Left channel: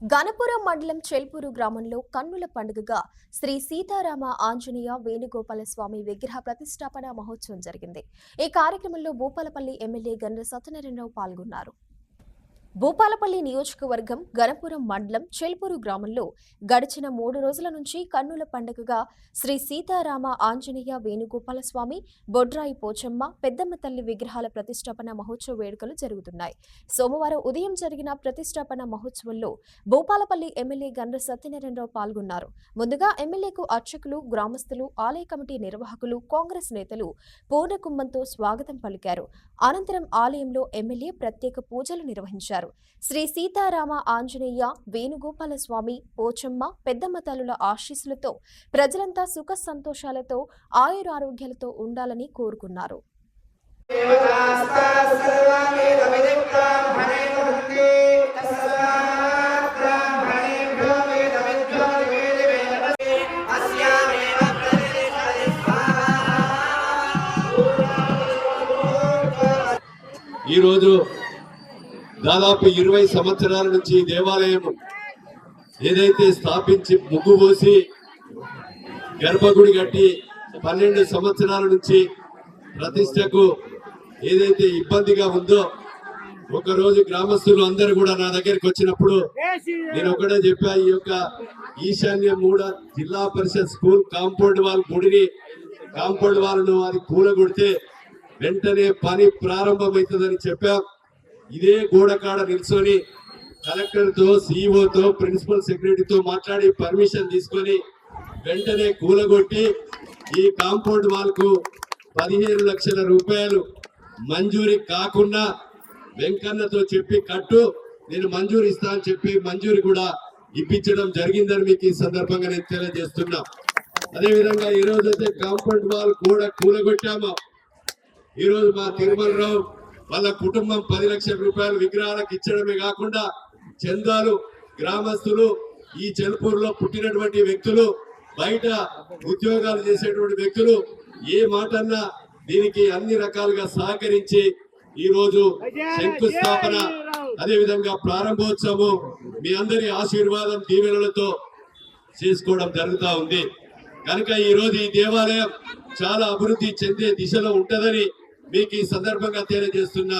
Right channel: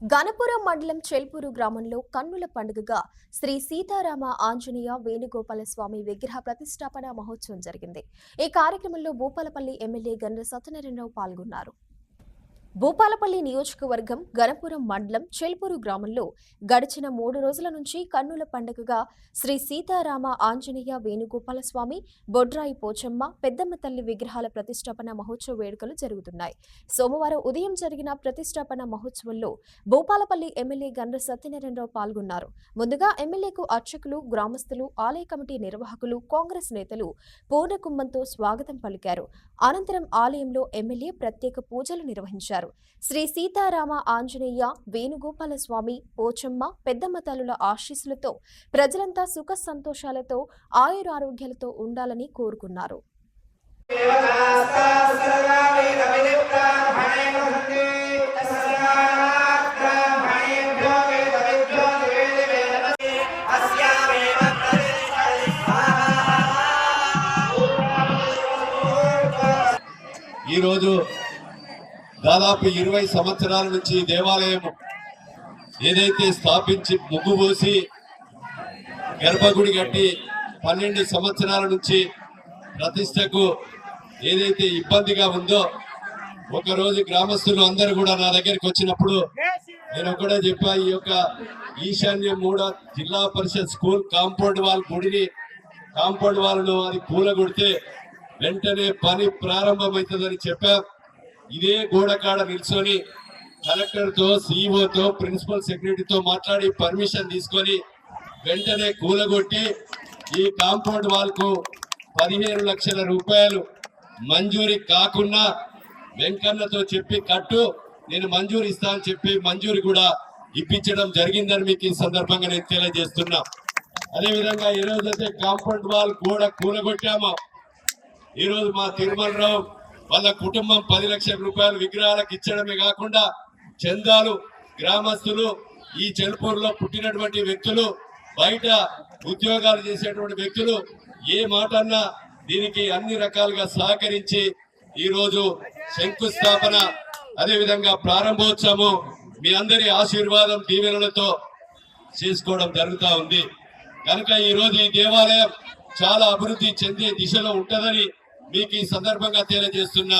గణపురం మండలం చెల్పూరు గ్రామంలో కన్నుల పండుగగా శ్రీ సీతారామ ఆంజనేయ వేణుగోపాల స్వామి విగ్రహ ప్రతిష్టాపన మహోత్సవం జరిగింది. ఈ కార్యక్రమంలో భూపాలపల్లి ఎమ్మెల్యే గండ్ర సత్యనారాయణరావు పాల్గొన్నారు. భూపాలపల్లి నియోజకవర్గం గణపురం మండలం చెల్పూరు గ్రామంలో గడిచిన 3 రోజుల నుంచి కన్నుల పండుగగా శ్రీ సీతారామ ఆంజనేయ వేణుగోపాల స్వామి, బొడ్రాయి పోచమ్మ, పెద్దమ్మ తల్లి విగ్రహాల ప్రతిష్టాపన మహోత్సవ వేడుకలు జరుగుతున్నాయి. సోమవారం ఉదయం జరిగిన ప్రతిష్టాపన మహోత్సవంలో భూపాలపల్లి ఎమ్మెల్యే గండ్ర సత్యనారాయణరావు పాల్గొన్నారు. ముందుగా ఎమ్మెల్యేకు అర్చకులు, గ్రామస్తులు, ఆలయ కమిటీ నిర్వాహకులు, కాంగ్రెస్ నేతలు పూర్ణకుంభంతో స్వాగతం పలికారు. అనంతరం ఆలయంలో ఎమ్మెల్యే ప్రత్యేక పూజలు నిర్వహించారు. శ్రీ సీతారామ ఆంజనేయ వేణుగోపాల స్వామి, పోచమ్మ, పెద్దమ్మ తల్లుల ఆశీస్సులతో ప్రజలంతా సుఖ సంతోషాలతో ఆయురారోగ్యాలతో ఉండాలని కోరుకున్నారు. ఈరోజు దాదాపు 20 సంవత్సరాల నుంచి దేవాలయం ఏదైతే స్థాపించి ముగ్గు పోసి గర్భగుడి కట్టి 12 సంవత్సరాల నుంచి ప్రతిష్టకు ఏదైతే ఇబ్బందిగా ఉందో, ఒకరోజు గ్రామస్తులు అందరూ కూడా నా దగ్గరికి వచ్చినప్పుడు నేను ఒకటే చెప్పా, ఈ యొక్క ఈశాన్య 3 జిల్లా పరిషత్ స్కూల్ కాంపౌండ్ వాల్ గుడిని కాంపౌండ్ వాళ్ళను అది కూలగొడితే వెంటనే పని ప్రారంభమవుతుందని చెప్పా. ఇదే గోడకాడ నిల్చొని కలెక్టర్తో, సిఇఓతో, ప్రిన్సిపల్ సెక్రటరీతో మాట్లాడి పర్మిషన్ తీసుకొని వెంటనే కూలగొట్టి ఈ కాంపౌండ్ వాల్ కు 15 లక్షల రూపాయలు మంజూరీ కాకుండా వెంకన్నతో చెప్పి కట్టు, నేను మంజూరు ఇస్తా అని చెప్పి మంజూరీ కూడా ఇప్పించడం జరిగిందని మీకు ఈ సందర్భంగా నేను తెలియజేస్తున్నా. అదేవిధంగా ఈ రోజైతే కాంపౌండ్ వాల్ గోడ కూలగొట్టామో, ఈరోజు మా తిరుమలరావు వాళ్ళ కుటుంబం 10 లక్షల రూపాయలు విగ్రహాలకు ఇచ్చడమే కాకుండా చందాలు, గ్రామస్తులు, ఈ చెల్పూరులో పుట్టినటువంటి వ్యక్తులు, బయట ఉద్యోగాలు చేసేటువంటి వ్యక్తులు ఏ మాటన్నా దీనికి అన్ని రకాలుగా సహకరించి ఈరోజు శంకుస్థాపన అదేవిధంగా ప్రారంభోత్సవం మీ అందరి ఆశీర్వాదం దీవెనలతో చేసుకోవడం జరుగుతూ ఉంది. కనుక ఈరోజు ఈ దేవాలయం చాలా అభివృద్ధి చెందే దిశలో ఉంటుందని మీకు ఈ సందర్భంగా తెలియజేస్తున్నా.